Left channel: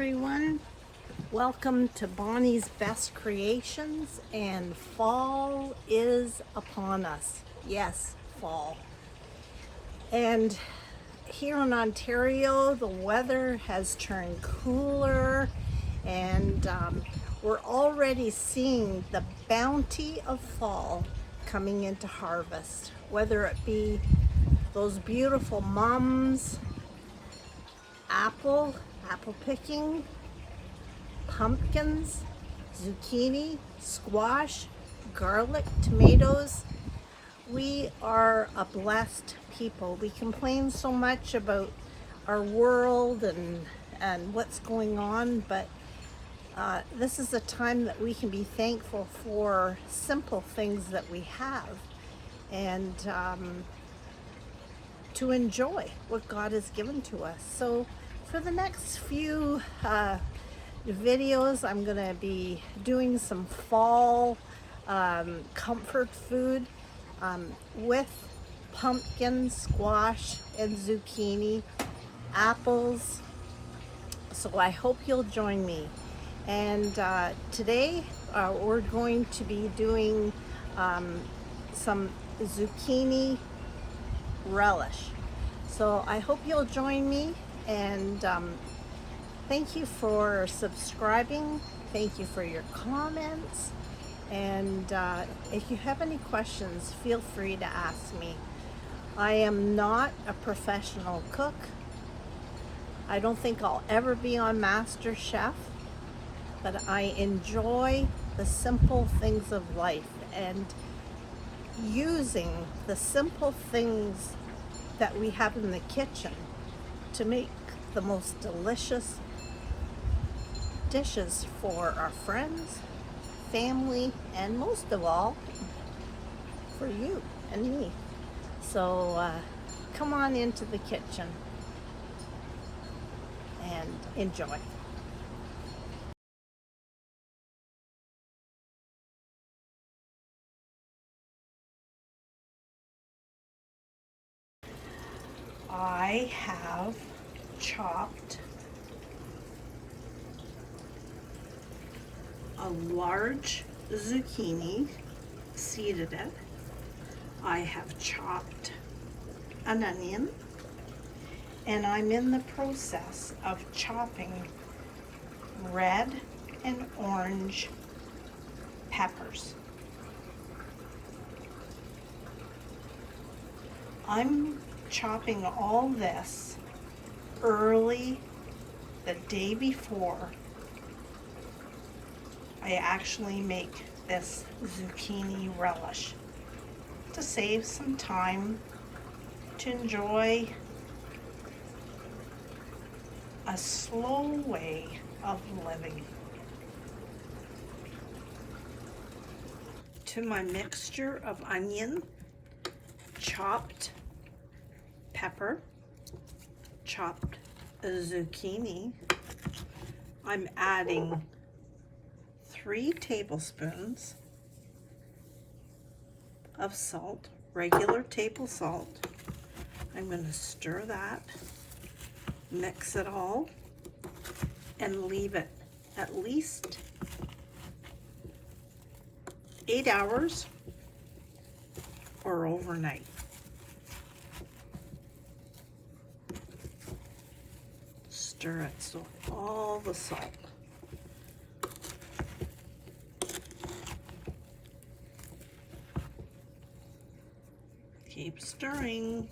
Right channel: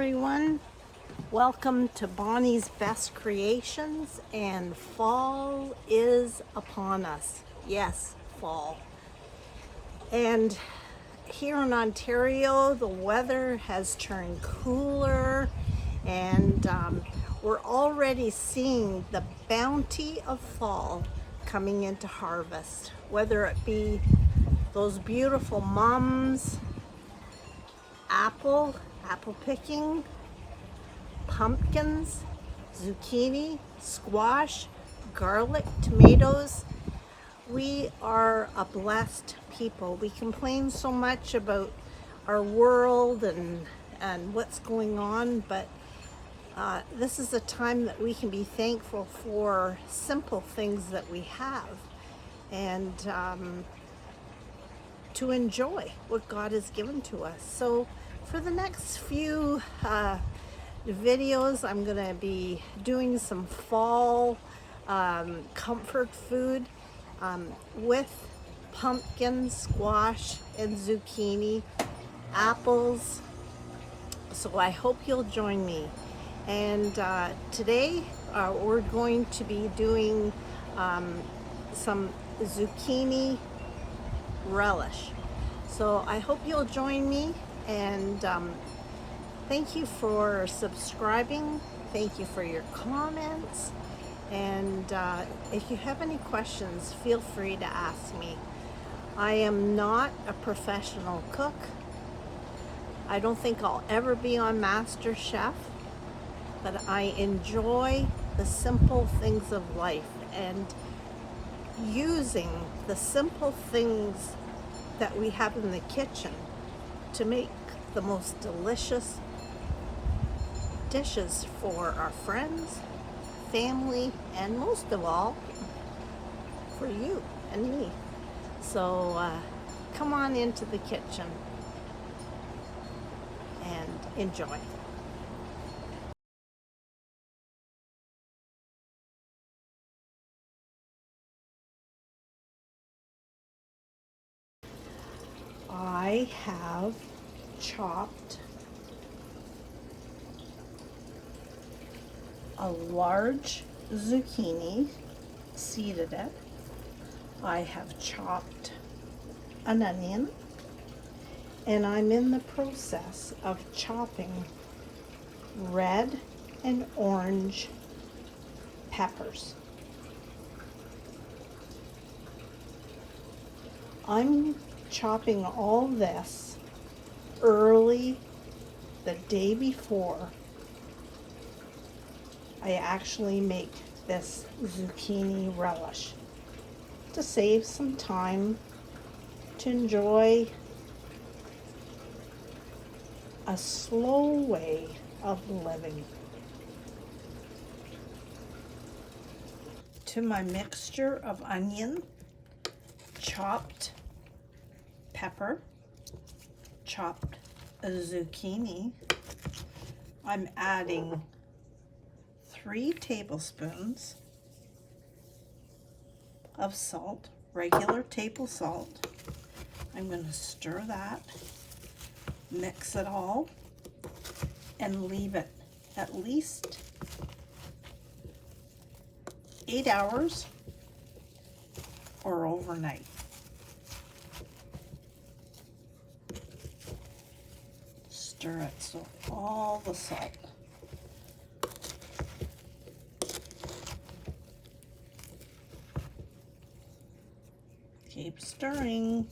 Everyone, welcome to Bonnie's Best Creations, and fall is upon us. Yes, fall. And here in Ontario, the weather has turned cooler, and we're already seeing the bounty of fall coming into harvest, whether it be those beautiful mums, apple picking, pumpkins, zucchini, squash, garlic, tomatoes. We are a blessed people. We complain so much about our world and what's going on, but this is a time that we can be thankful for simple things that we have, and to enjoy what God has given to us. So for the next few videos, I'm going to be doing some fall comfort food with pumpkin, squash, and zucchini, apples. So I hope you'll join me. And today we're going to be doing some zucchini relish. So I hope you'll join me, and thank you for subscribing. Thank you for your comments. And if you have any questions, feel free to ask me. I am not a professional cook. I don't think I'll ever be on Master Chef, but I enjoy the simple things of life and using the simple things that we have in the kitchen to make the most delicious dishes for our friends, family, and most of all, for you and me. So come on into the kitchen and enjoy. I have chopped a large zucchini, seeded it. I have chopped an onion, and I'm in the process of chopping red and orange peppers. I'm chopping all this early the day before I actually make this zucchini relish, to save some time, to enjoy a slow way of living. To my mixture of onion, chopped pepper, chopped zucchini, I'm adding 3 tablespoons of salt, regular table salt. I'm going to stir that, mix it all, and leave it at least 8 hours or overnight. Stir it so all the salt. Keep stirring.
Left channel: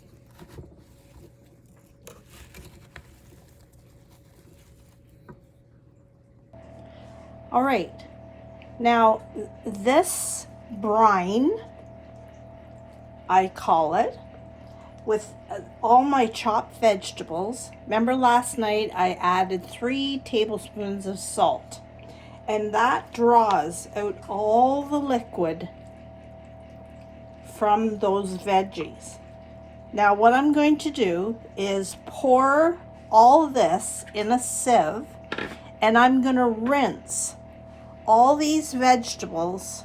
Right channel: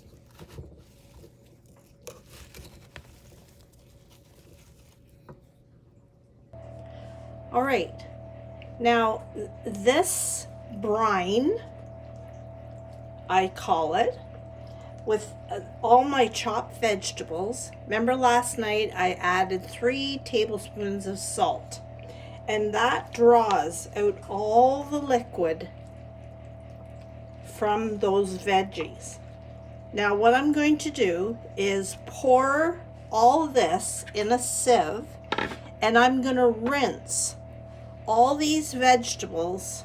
All right, now this brine, I call it, with all my chopped vegetables. Remember last night I added 3 tablespoons of salt, and that draws out all the liquid from those veggies. Now what I'm going to do is pour all this in a sieve, and I'm going to rinse all these vegetables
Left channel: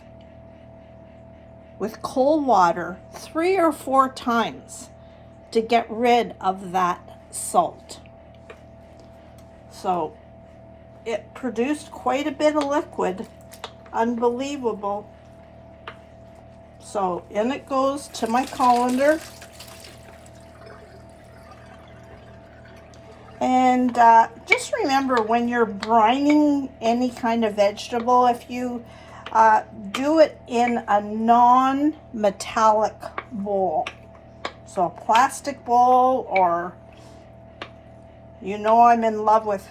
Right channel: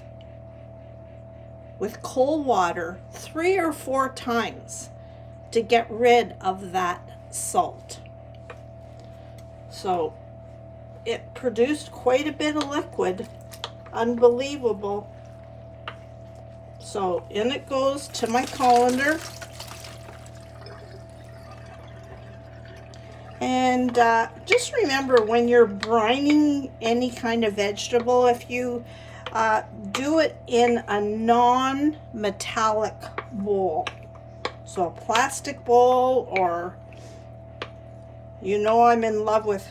with cold water 3 or 4 times to get rid of that salt. So it produced quite a bit of liquid. Unbelievable. So in it goes to my colander. And just remember, when you're brining any kind of vegetable, if you do it in a non-metallic bowl, so a plastic bowl, or, you know, I'm in love with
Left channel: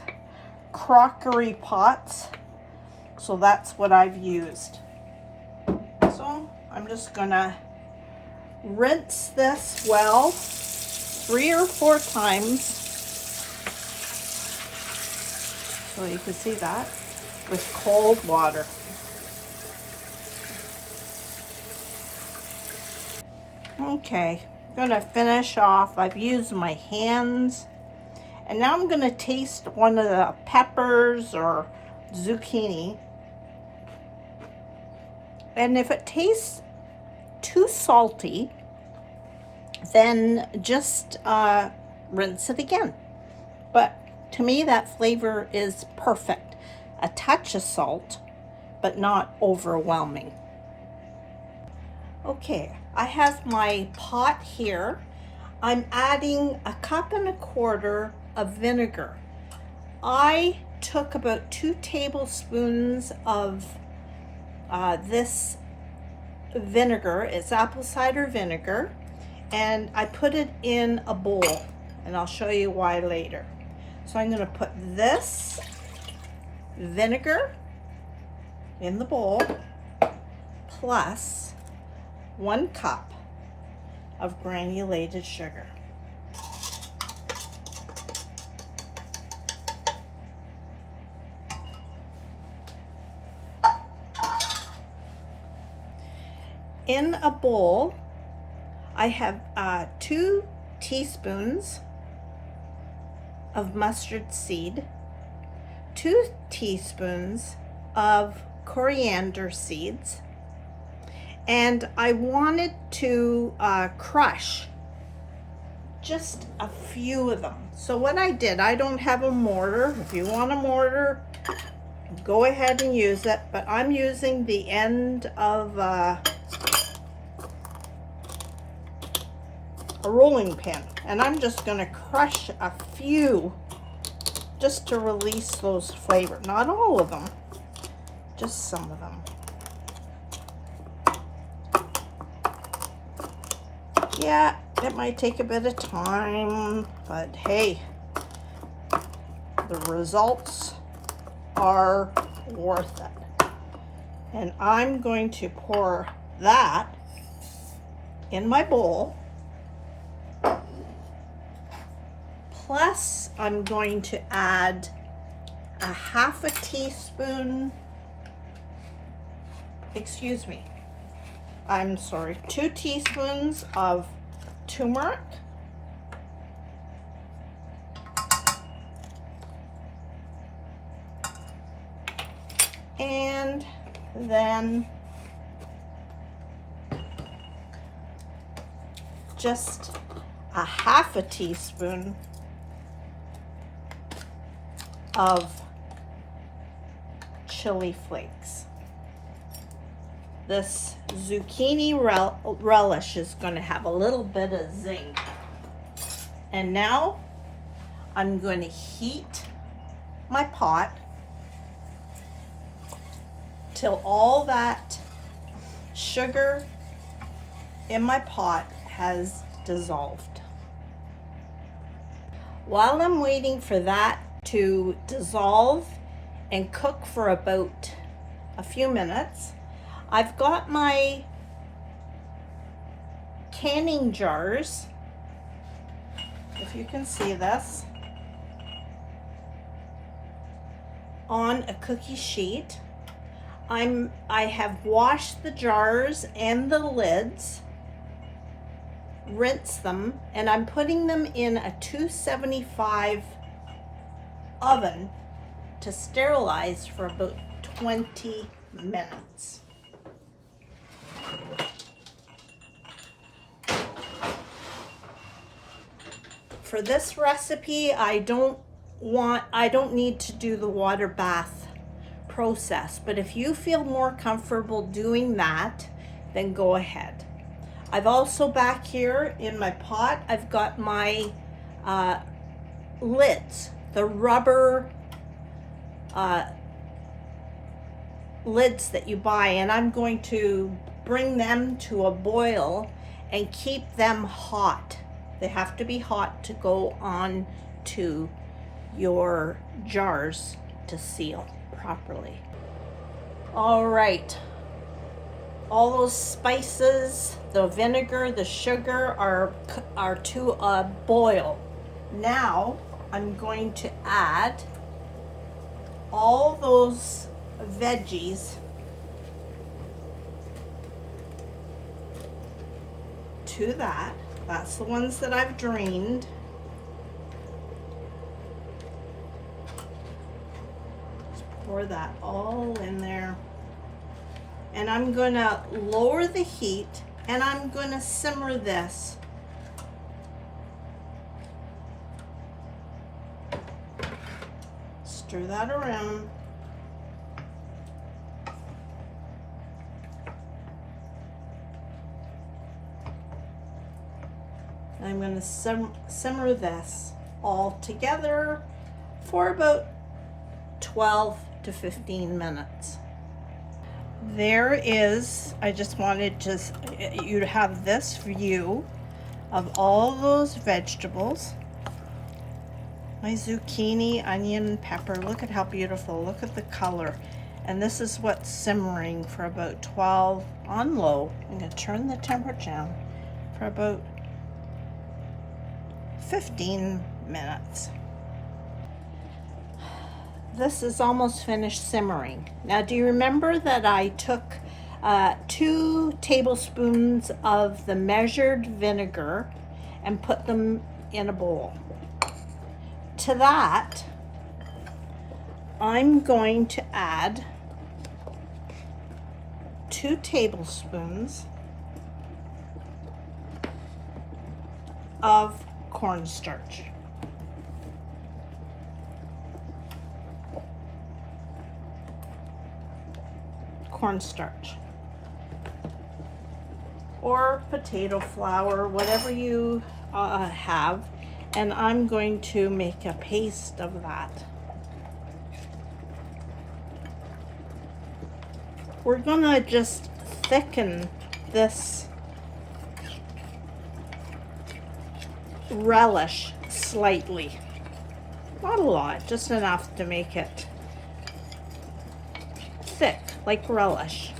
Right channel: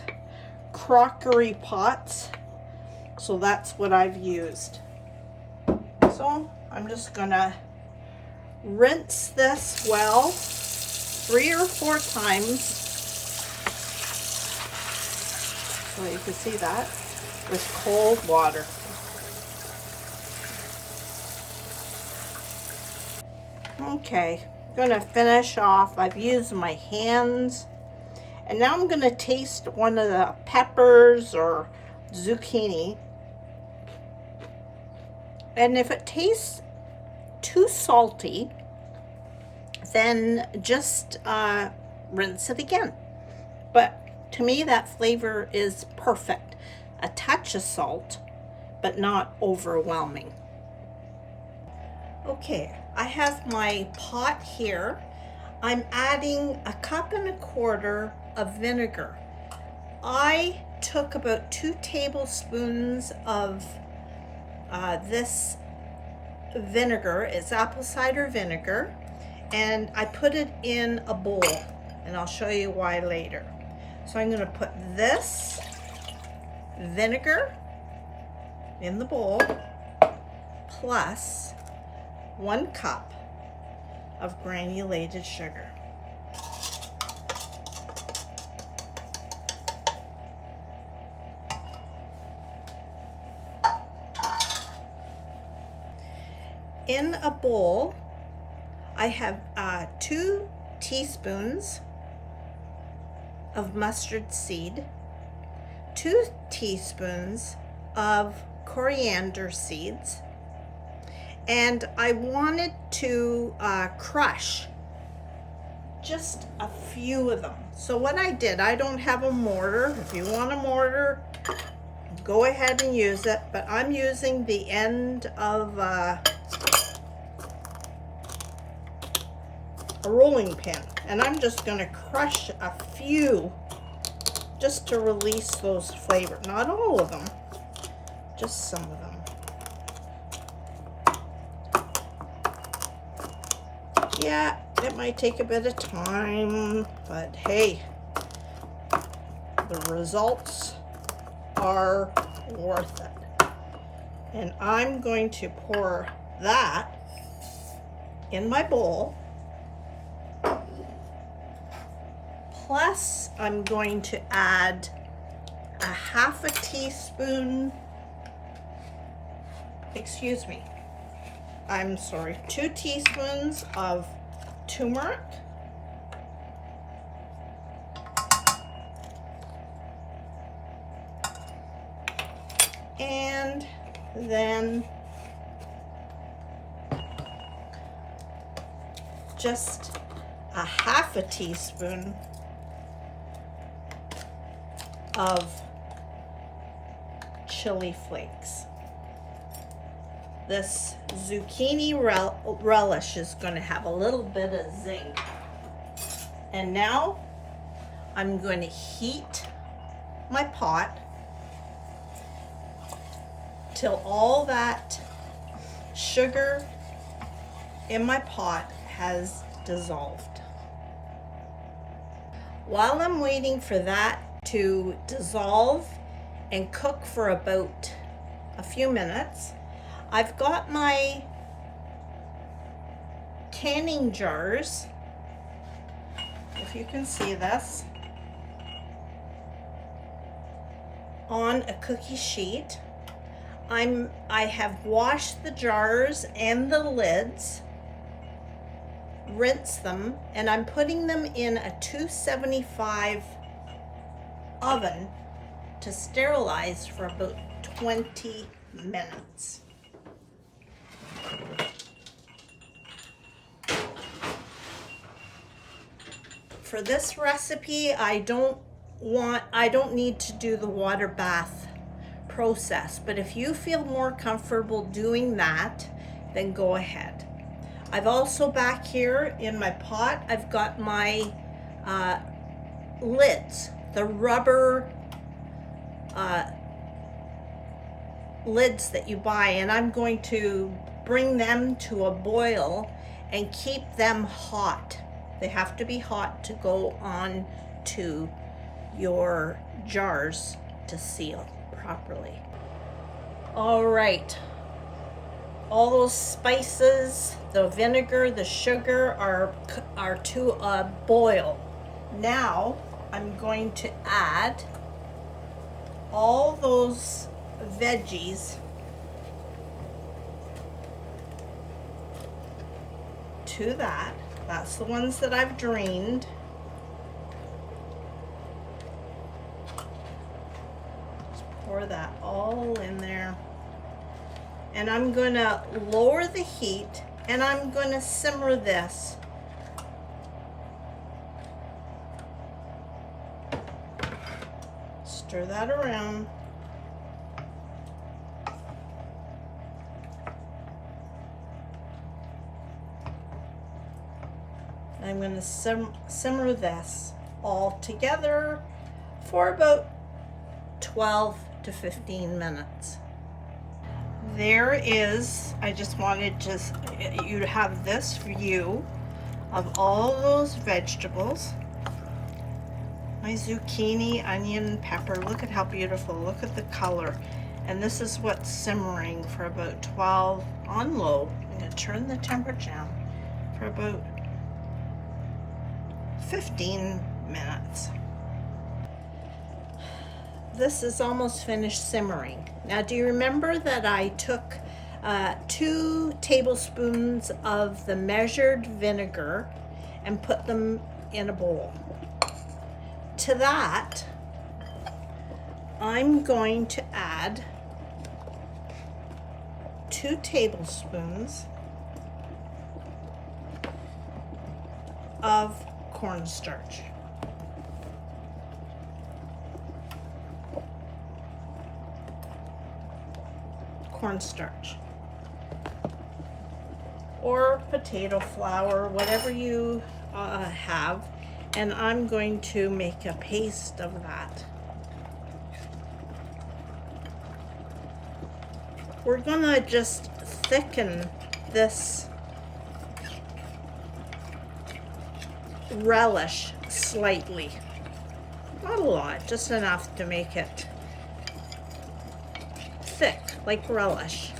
crockery pots, so that's what I've used. So I'm just gonna rinse this well 3 or 4 times, so you can see that, with cold water. Okay, I'm gonna finish off. I've used my hands, and now I'm gonna taste one of the peppers or zucchini. And if it tastes too salty, then just rinse it again. But to me, that flavor is perfect. A touch of salt, but not overwhelming. Okay, I have my pot here. I'm adding 1.25 cups of vinegar. I took about 2 tablespoons of this vinegar. It's apple cider vinegar, and I put it in a bowl, and I'll show you why later. So I'm going to put this vinegar in the bowl plus 1 cup of granulated sugar. In a bowl, I have 2 teaspoons of mustard seed, 2 teaspoons of coriander seeds, and I wanted to crush just a few of them. So what I did, I don't have a mortar. If you want a mortar, go ahead and use it, but I'm using the end of a rolling pin, and I'm just going to crush a few just to release those flavors. Not all of them, just some of them. Yeah, it might take a bit of time, but hey, the results are worth it. And I'm going to pour that in my bowl. Plus, I'm going to add 1/2 teaspoon, excuse me, I'm sorry, 2 teaspoons of turmeric, and then just 1/2 teaspoon of chili flakes. This zucchini relish is going to have a little bit of zing. And now I'm going to heat my pot till all that sugar in my pot has dissolved. While I'm waiting for that to dissolve and cook for about a few minutes, I've got my canning jars, if you can see this, on a cookie sheet. I have washed the jars and the lids, rinsed them, and I'm putting them in a 275 oven to sterilize for about 20 minutes. For this recipe, I don't don't need to do the water bath process, but if you feel more comfortable doing that, then go ahead. I've also back here in my pot, I've got my lids, the rubber lids that you buy, and I'm going to bring them to a boil and keep them hot. They have to be hot to go on to your jars to seal properly. All right, all those spices, the vinegar, the sugar are to a boil. Now I'm going to add all those veggies to that. That's the ones that I've drained. Just pour that all in there. And I'm gonna lower the heat and I'm gonna simmer this. Stir that around. I'm going to simmer this all together for about 12 to 15 minutes. There is, I just wanted you to have this view of all those vegetables. My zucchini, onion, pepper, look at how beautiful, look at the color. And this is what's simmering for about 12 on low. I'm going to turn the temperature down for about 15 minutes. This is almost finished simmering. Now, do you remember that I took 2 tablespoons of the measured vinegar and put them in a bowl? To that, I'm going to add 2 tablespoons of cornstarch. Cornstarch or potato flour, whatever you have, and I'm going to make a paste of that. We're gonna just thicken this relish slightly, not a lot, just enough to make it thick like relish.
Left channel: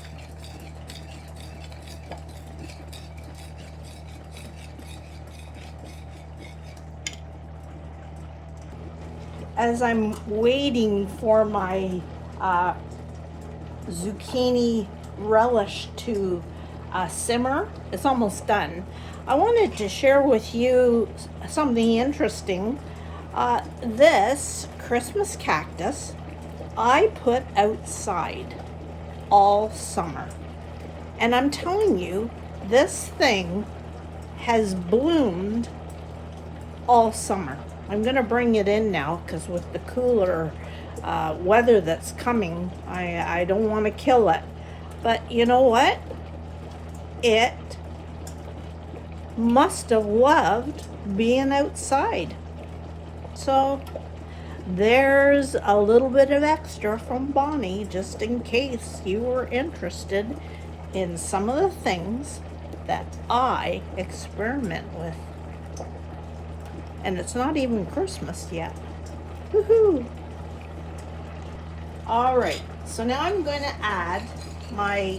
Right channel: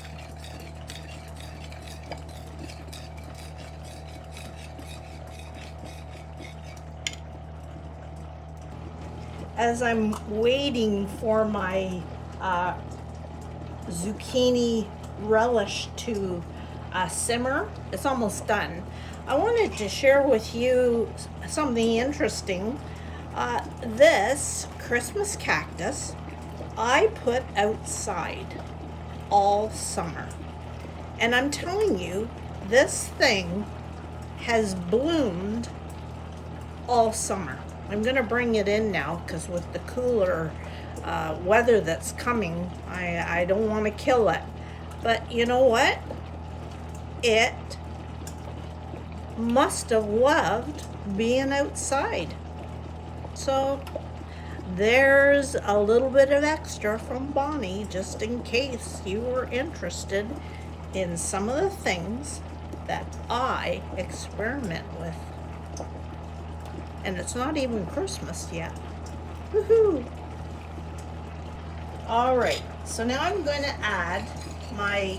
As I'm waiting for my zucchini relish to simmer, it's almost done. I wanted to share with you something interesting. This Christmas cactus I put outside all summer, and I'm telling you, this thing has bloomed all summer. I'm gonna bring it in now because with the cooler weather that's coming, I don't want to kill it. But you know what? It must have loved being outside. So there's a little bit of extra from Bonnie, just in case you were interested in some of the things that I experiment with. And it's not even Christmas yet. Woohoo! All right, so now I'm going to add my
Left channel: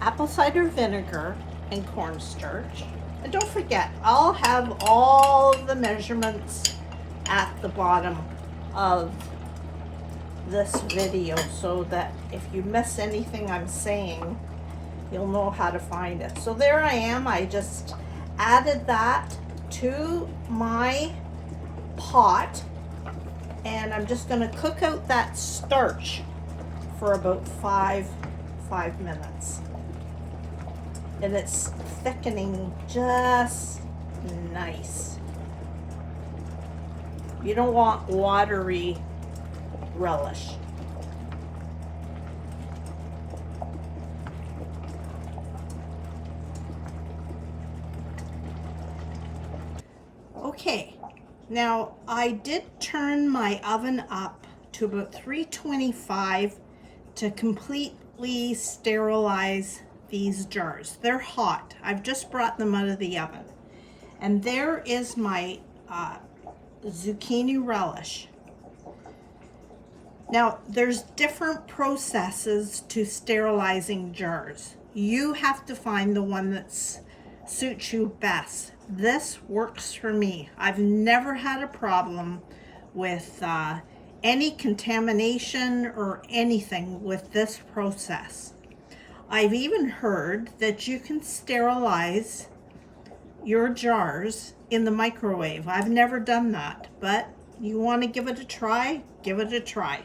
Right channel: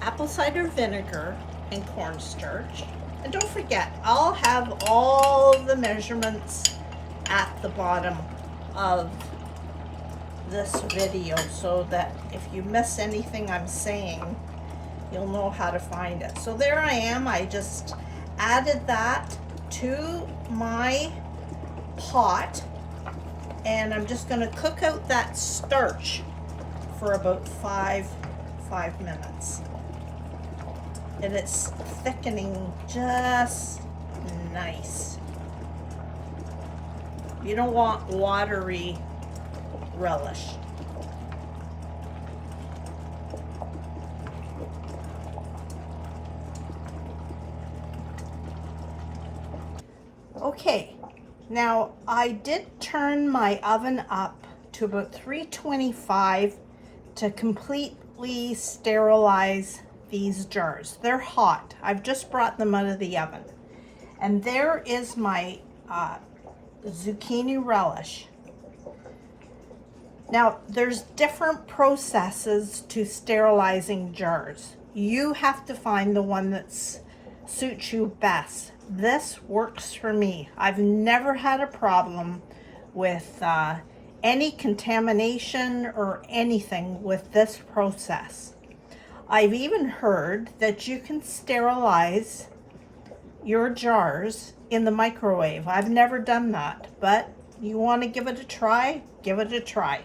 apple cider vinegar and cornstarch. And don't forget, I'll have all the measurements at the bottom of this video so that if you miss anything I'm saying, you'll know how to find it. So there I am. I just added that to my pot, and I'm just going to cook out that starch for about five minutes. And it's thickening just nice. You don't want watery relish. Okay, now I did turn my oven up to about 325 to completely sterilize these jars. They're hot. I've just brought them out of the oven. And there is my zucchini relish. Now, there's different processes to sterilizing jars. You have to find the one that suits you best. This works for me. I've never had a problem with any contamination or anything with this process. I've even heard that you can sterilize your jars in the microwave. I've never done that, but you want to give it a try, give it a try.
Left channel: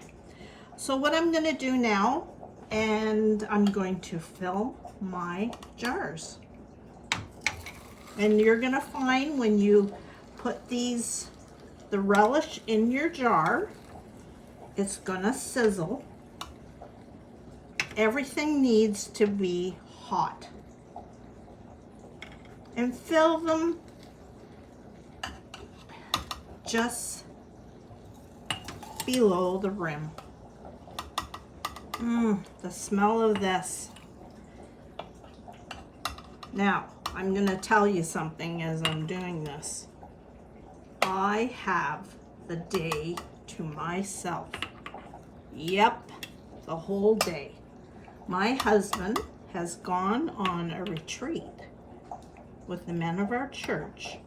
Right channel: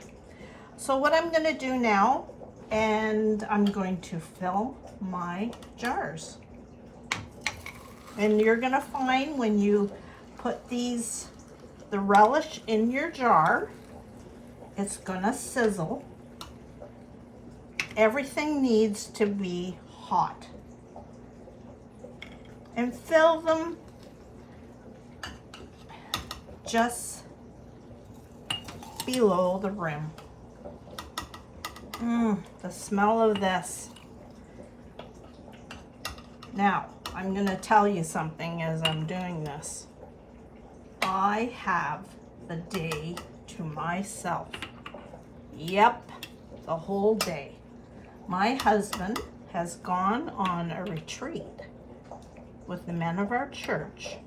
So what I'm going to do now, and I'm going to fill my jars. And you're going to find when you put the relish in your jar, it's going to sizzle. Everything needs to be hot. And fill them just below the rim. The smell of this. Now, I'm going to tell you something as I'm doing this. I have the day to myself. Yep, the whole day. My husband has gone on a retreat with the men of our church.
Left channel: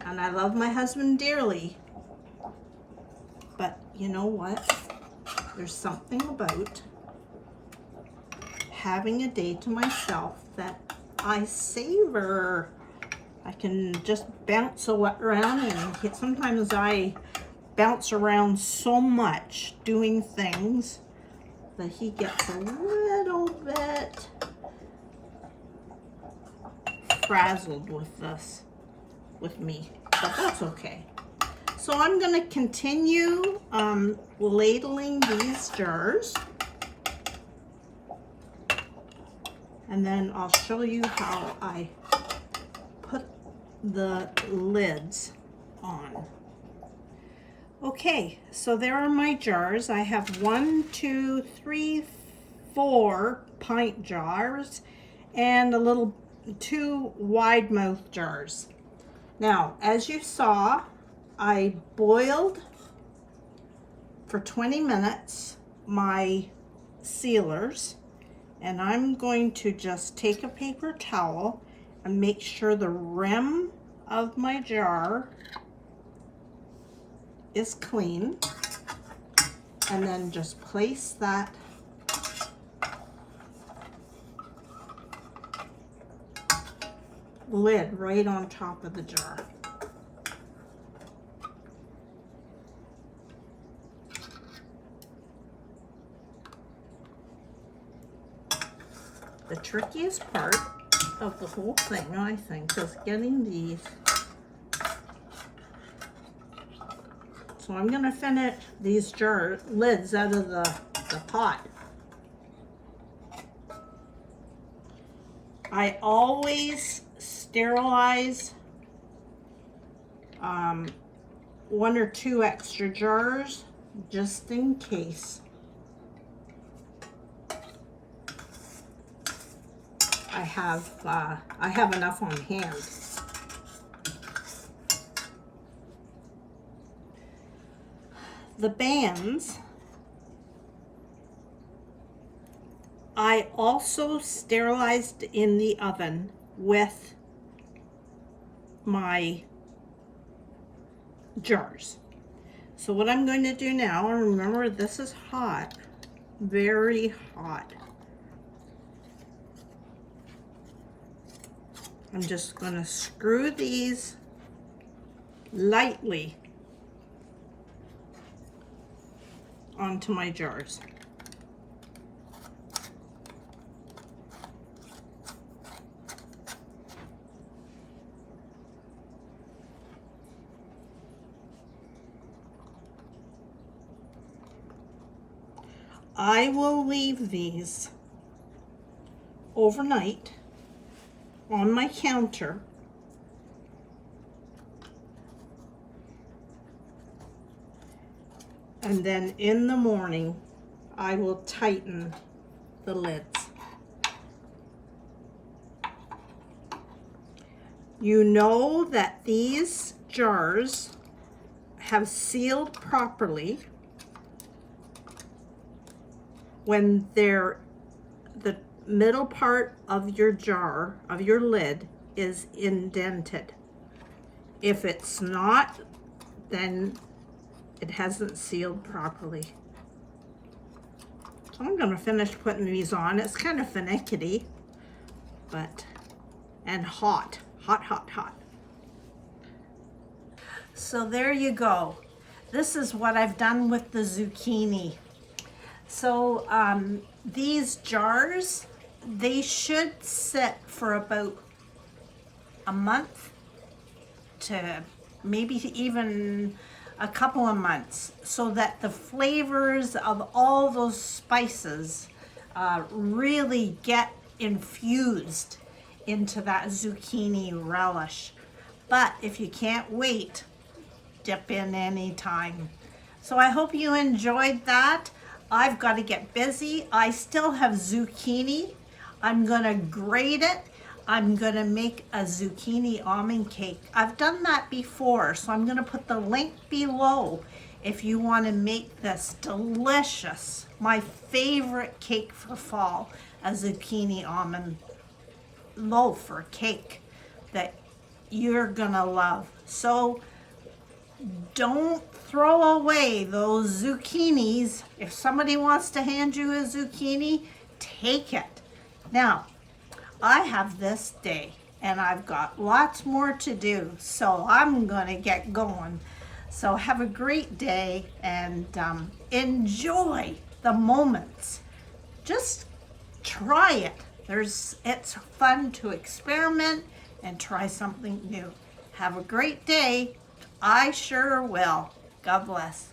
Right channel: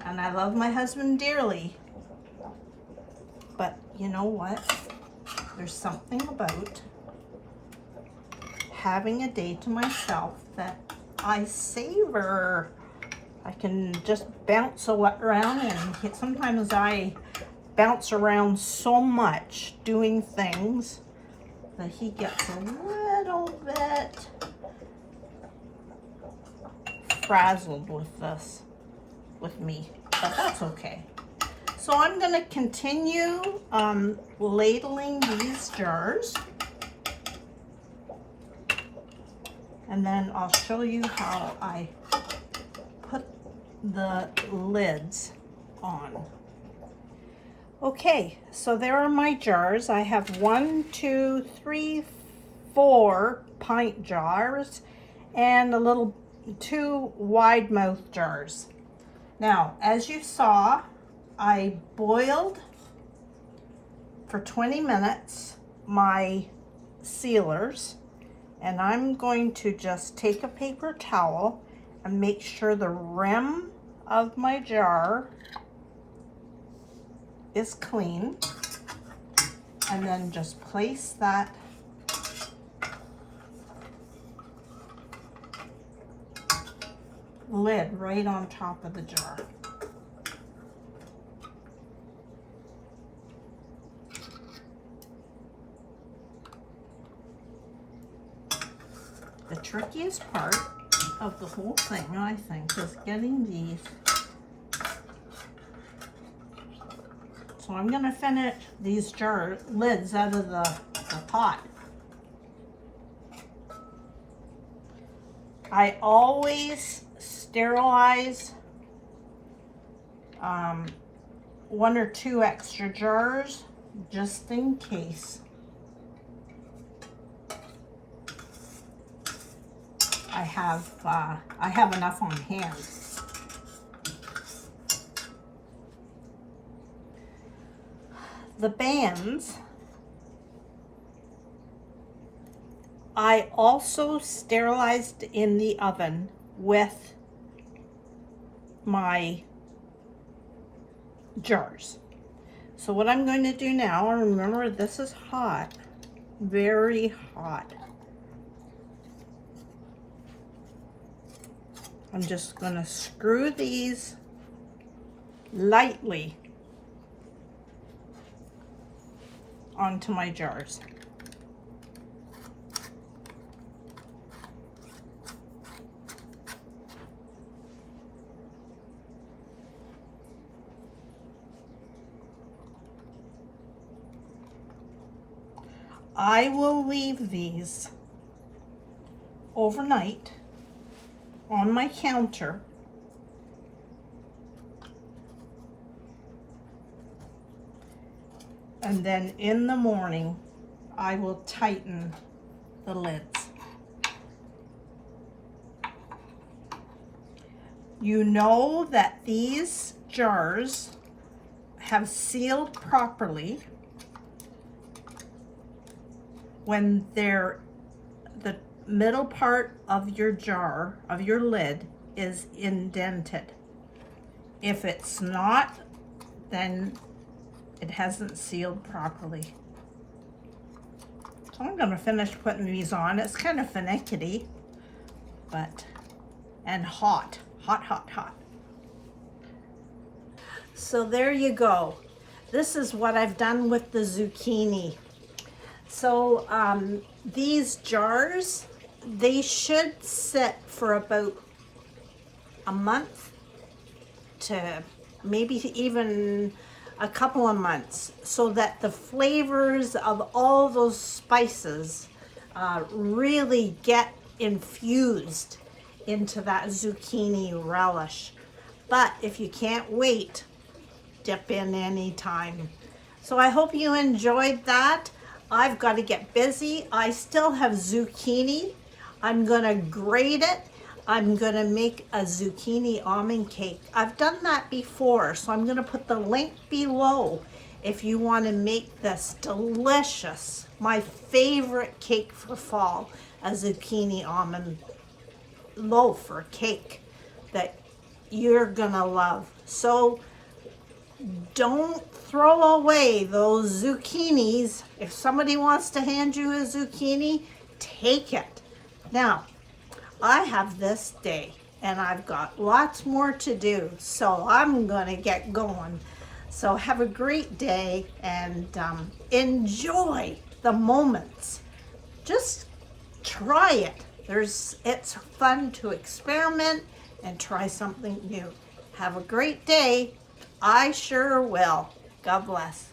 And I love my husband dearly. But you know what? There's something about having a day to myself that I savor. I can just bounce around, and sometimes I bounce around so much doing things that he gets a little bit frazzled with this, with me, but that's okay. So I'm going to continue ladling these jars, and then I'll show you how I put the lids on. Okay, so there are my jars. I have 1, 2, 3, 4 pint jars and a little 2 wide mouth jars. Now, as you saw, I boiled for 20 minutes my sealers, and I'm going to just take a paper towel and make sure the rim of my jar is clean, and then just place that lid right on top of the jar. The trickiest part of the whole thing, I think, is getting these. So I'm going to finish these jar lids out of the pot. I always sterilize 1 or 2 extra jars just in case. I have enough on hand. The bands, I also sterilized in the oven with my jars. So what I'm going to do now, remember this is hot, very hot. I'm just going to screw these lightly onto my jars. I will leave these overnight on my counter. And then in the morning, I will tighten the lids. You know that these jars have sealed properly when the middle part of your jar, of your lid, is indented. If it's not, then it hasn't sealed properly. So I'm gonna finish putting these on. It's kind of finicky, and hot. Hot. So there you go. This is what I've done with the zucchini. So these jars, they should sit for about a month to maybe even a couple of months, so that the flavors of all those spices really get infused into that zucchini relish. But if you can't wait, dip in anytime. So I hope you enjoyed that. I've got to get busy. I still have zucchini. I'm gonna grate it. I'm gonna make a zucchini almond cake. I've done that before, so I'm gonna put the link below if you want to make this delicious, my favorite cake for fall, a zucchini almond loaf or cake that you're gonna love. So don't throw away those zucchinis. If somebody wants to hand you a zucchini, take it. Now, I have this day and I've got lots more to do, so I'm gonna get going. So have a great day and enjoy the moments. Just try it. It's fun to experiment and try something new. Have a great day. I sure will. God bless.